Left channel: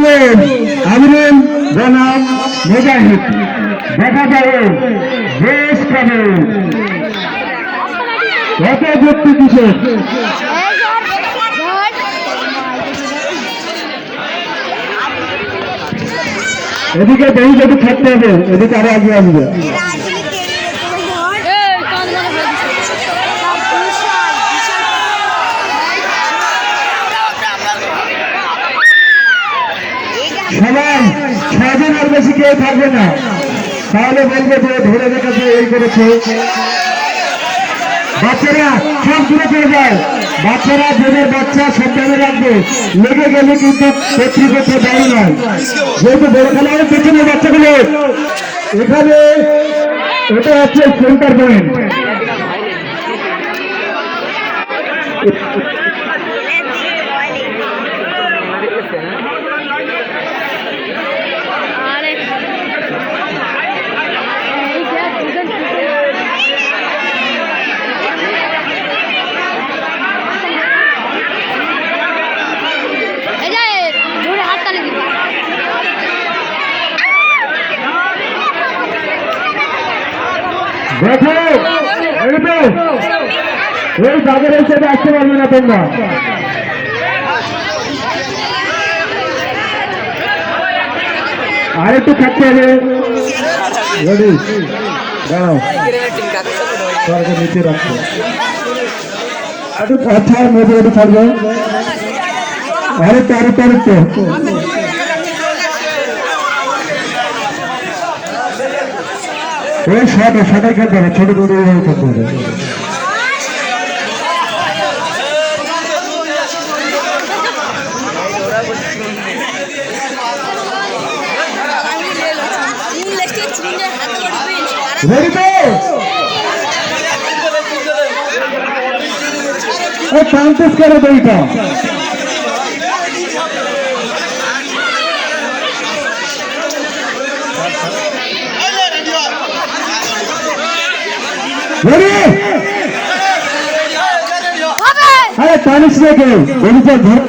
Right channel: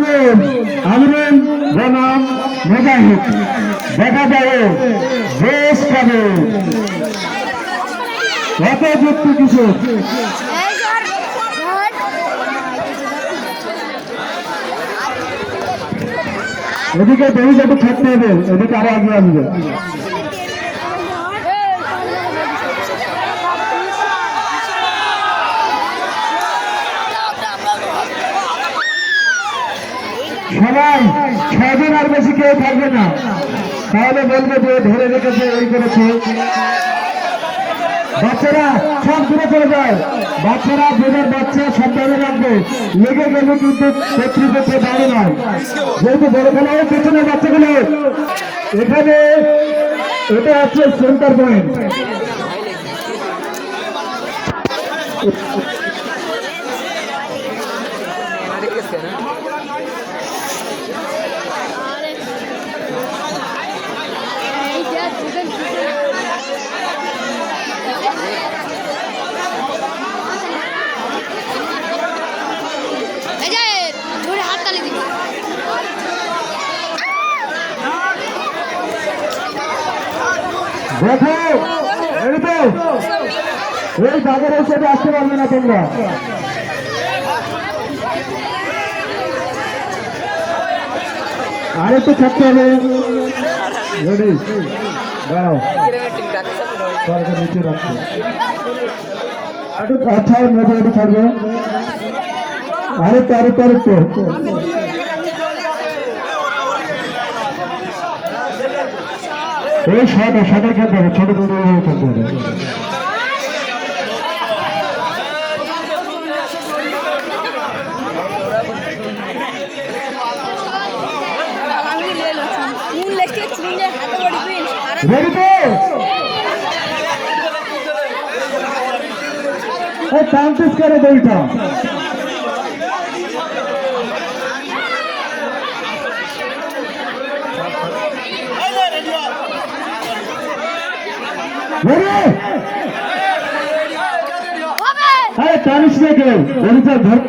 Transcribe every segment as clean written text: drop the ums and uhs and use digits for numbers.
আমিরের বনাম মুজাহিদ দেখা যাবে বেশ পাবে কত ব্যক্তি কিসের এদিকে বহু যদি থাকতে হবে এদিকে আরো আগে আসবে সবাই 6 জন আর বেশি কেউ থাকবে না তাহলে বলবে যে ধরে রেখেছে এই করেছে বাচ্চারা সব দূরে চলে যায় বাচ্চারা যাদের বাচ্চা সাবধানে রাখবে লেগে গেলে কিন্তু কর্তৃপক্ষ বড় নয় যেহেতু বড় খেলা হয় পেছনের বাচ্চাগুলো এখানে এটা হচ্ছে সেন্টার পয়েন্ট দেখো এই বাজারে হিসেবে আসতে পারবে না তোমরা আরেকটু থাকতে হবে দাঁড়াও নিচে রাখো একটু আচ্ছা মেয়েদের একটু ছাড়বে আরেকটু আরেকটু আরেকটু ওই সাঁতার খেলতে হবে ছোট ছোট খেলতে হবে টানতেস কেন বইটা আরে টানিস রেখে বলিটার ধর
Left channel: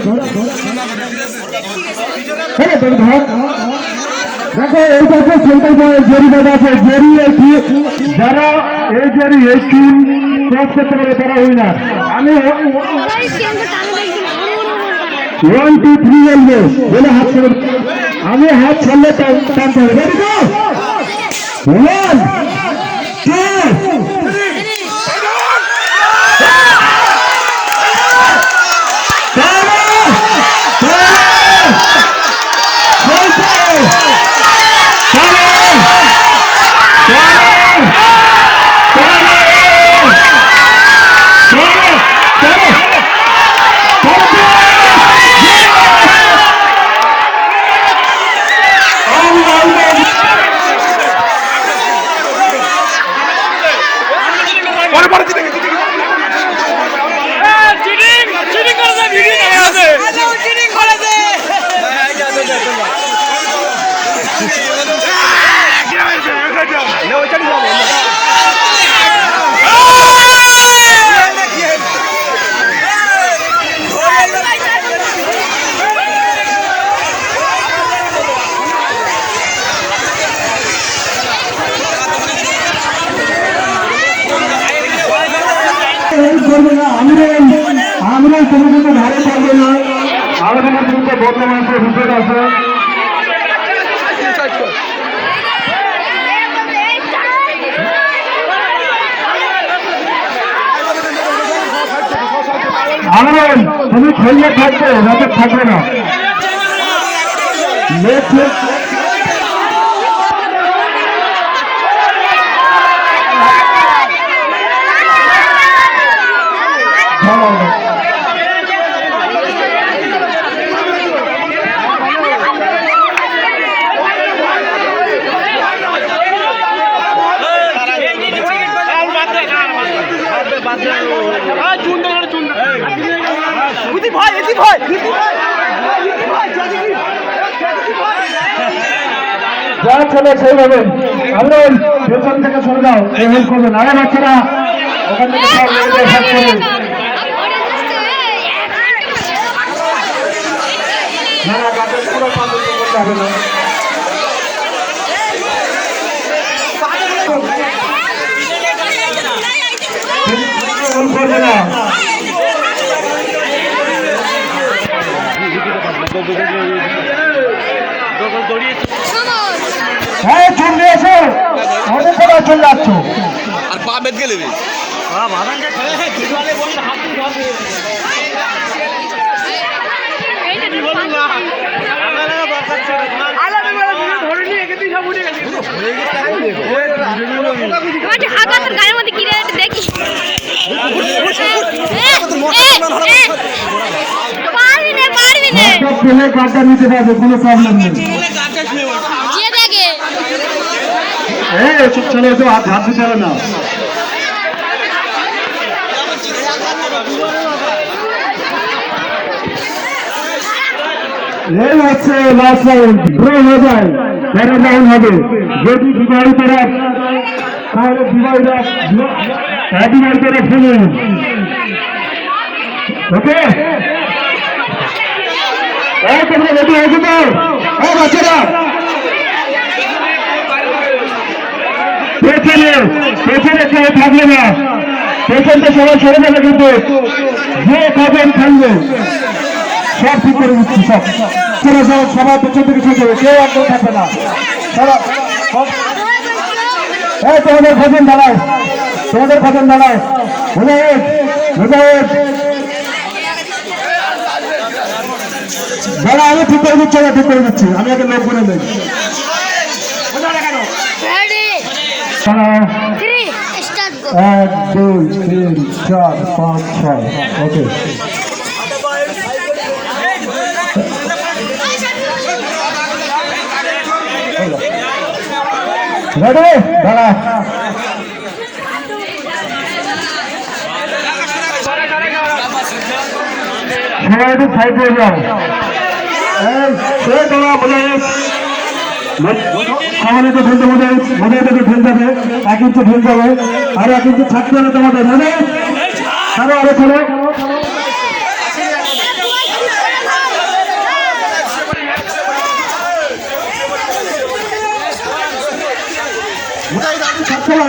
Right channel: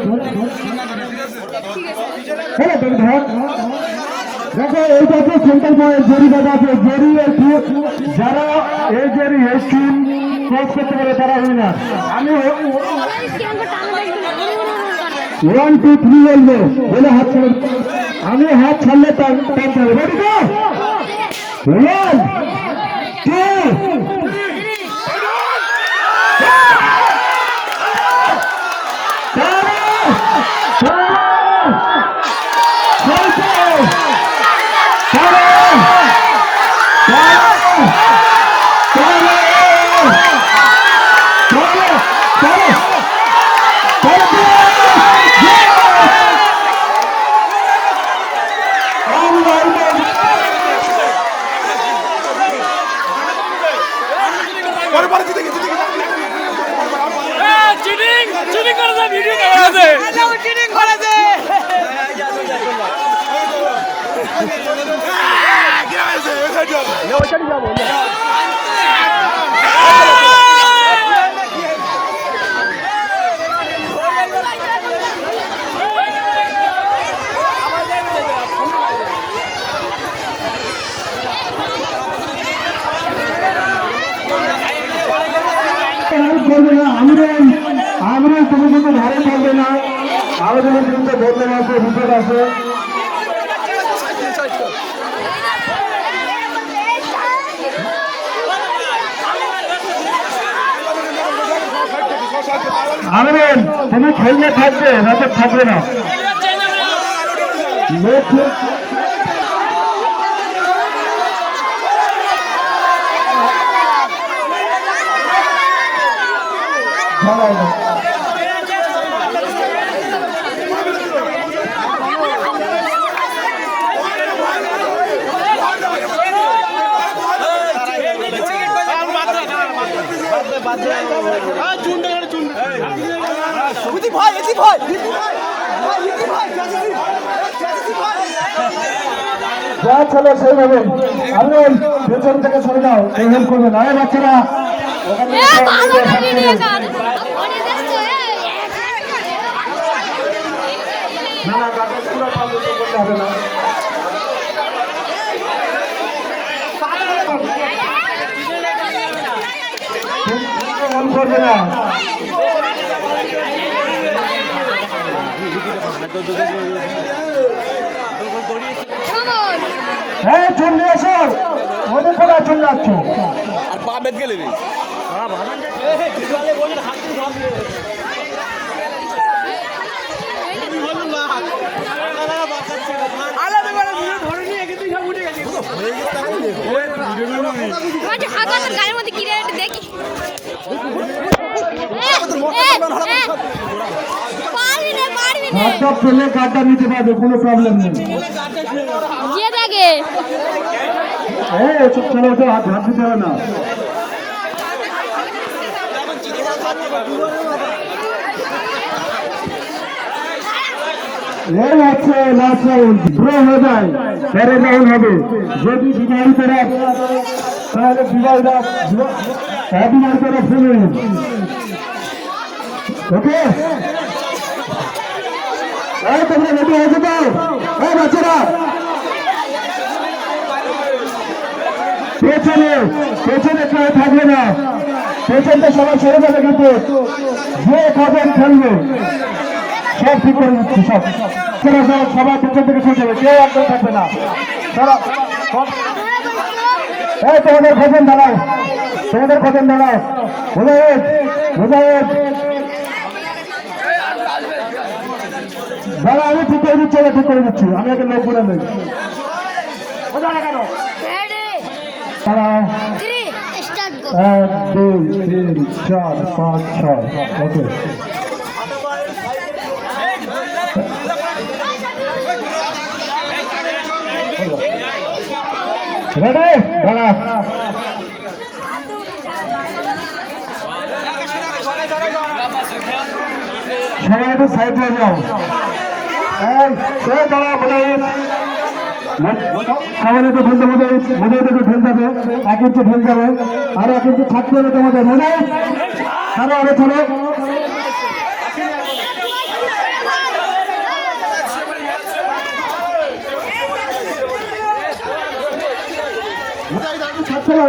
হ্যাঁ ধর দেখো এই পাশে সেন্টার পয়েন্ট জেরি বাঁধা আছে জেরি যারা এই জেরি এই টিম ক্রস করতে পারে তারা উইনার আমি 1 2 3 বলবো বলে হাত ছেড়ে আমি হাত ছাড়লে টানতে হবে রেডি তো 1 2 আমরা তুমি কিন্তু ধারে চলবে না আমাদের কিন্তু বর্তমানে বিপদ আছে আমরা তুমি খেললে থাকবে যাতে থাকবে না যা চলে সেইভাবে আপনি পেছন থেকে সরে যাও হেল্প করবেন আরে বাচ্চারা ওখানে হবে না। করবে না। হ্যাঁ চলে এসো, অনেক সময় চলে যাচ্ছ। আর পা বেদ গেলে গায়ের মধ্যে কি দেখি পেলে কার্ডটা নিতে পারবে, কোনো প্রবলেম নেই। হ্যাঁ এসব ছেলে তো হাত দিতে হবে না। হবে যদি বিবাহিতরা তাহলে বিবাহিতরা ফেলে ওকে রেডি হয়েছে তো বাচ্চারা পেছনে কেউ থাকবে না, পেছনটা সবাই সরে যাবে, কিন্তু যে কজন খেলবে সব ঠিক করে দিচ্ছি। সবার পেছন থেকে শুরু করবে, কেউ একদম থাকবে না। তোমাদের ভজন দাঁড়াও, তোমাদের ভজন দাঁড়াও। দাঁড়া, আমি ঠিক করে দিচ্ছি, ঠিক করে দিচ্ছি, আমি একটা লোক বলে দেয়। এক দুই তিন চার পাঁচ ছয় ওকে রেডি দাঁড়া সবাই একটু সাইড হয়ে যাও। সে দাঁড়া বলে আমাদের তো ঢুলতে মধ্যে মধ্যে থেকে ঢুল যাবে, 1 ইঞ্চি ঢুল যাবে, আর 1 ইঞ্চি থাকতে হবে তোমাদের। মানে আরো আরো ছেলে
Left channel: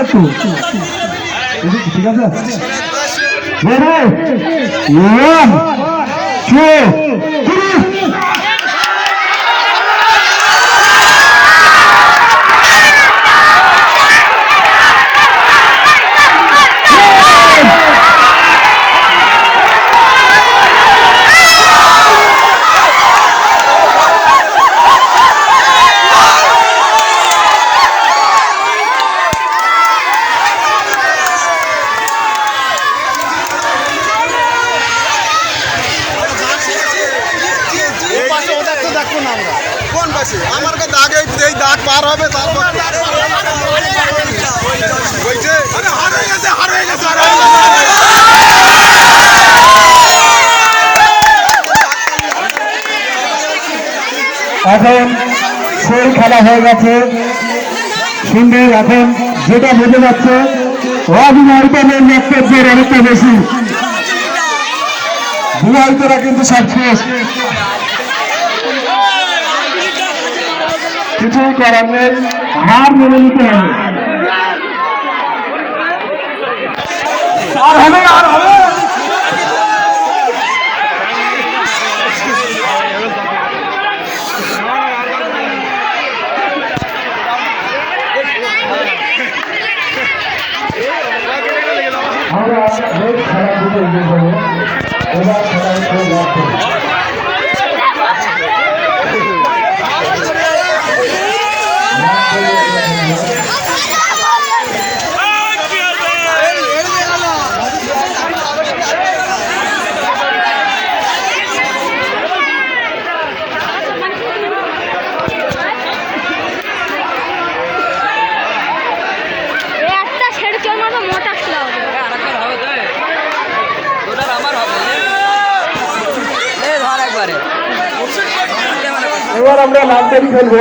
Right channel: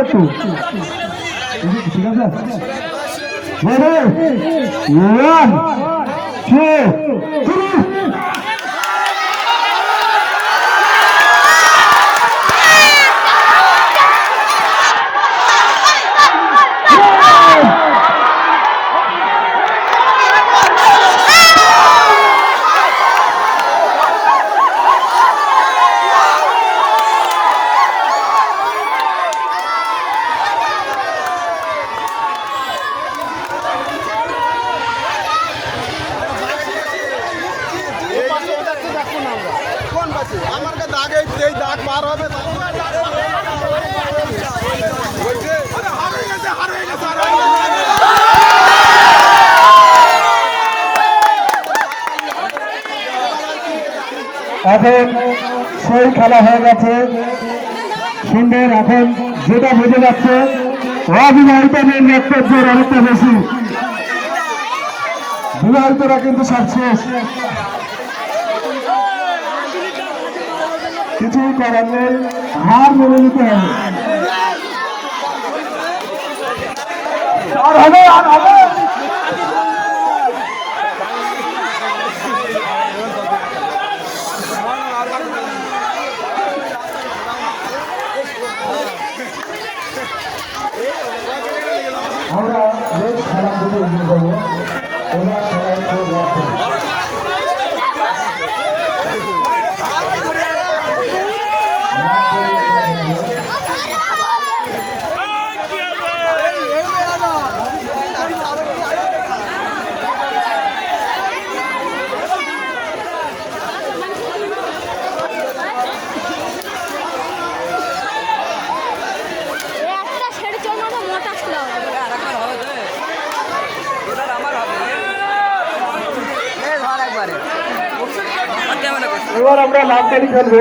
একটু ঠিক আছে। 1 2 3 আমার তো দাগ এই দাগ পার হবে তারপর এখন সেই খেলা হয়ে গেছে। সুন্দর এখন যেটা বোঝা যাচ্ছে অবিবাহিতদের বক্তব্যের অনেকটা বেশি, বিবাহিতরা কিন্তু সব শেষ, কিছুই করার নেই, হার মেনে নিতে হবে। আর হবে আর হবে এবার আমরা লাল কালি খেলবো।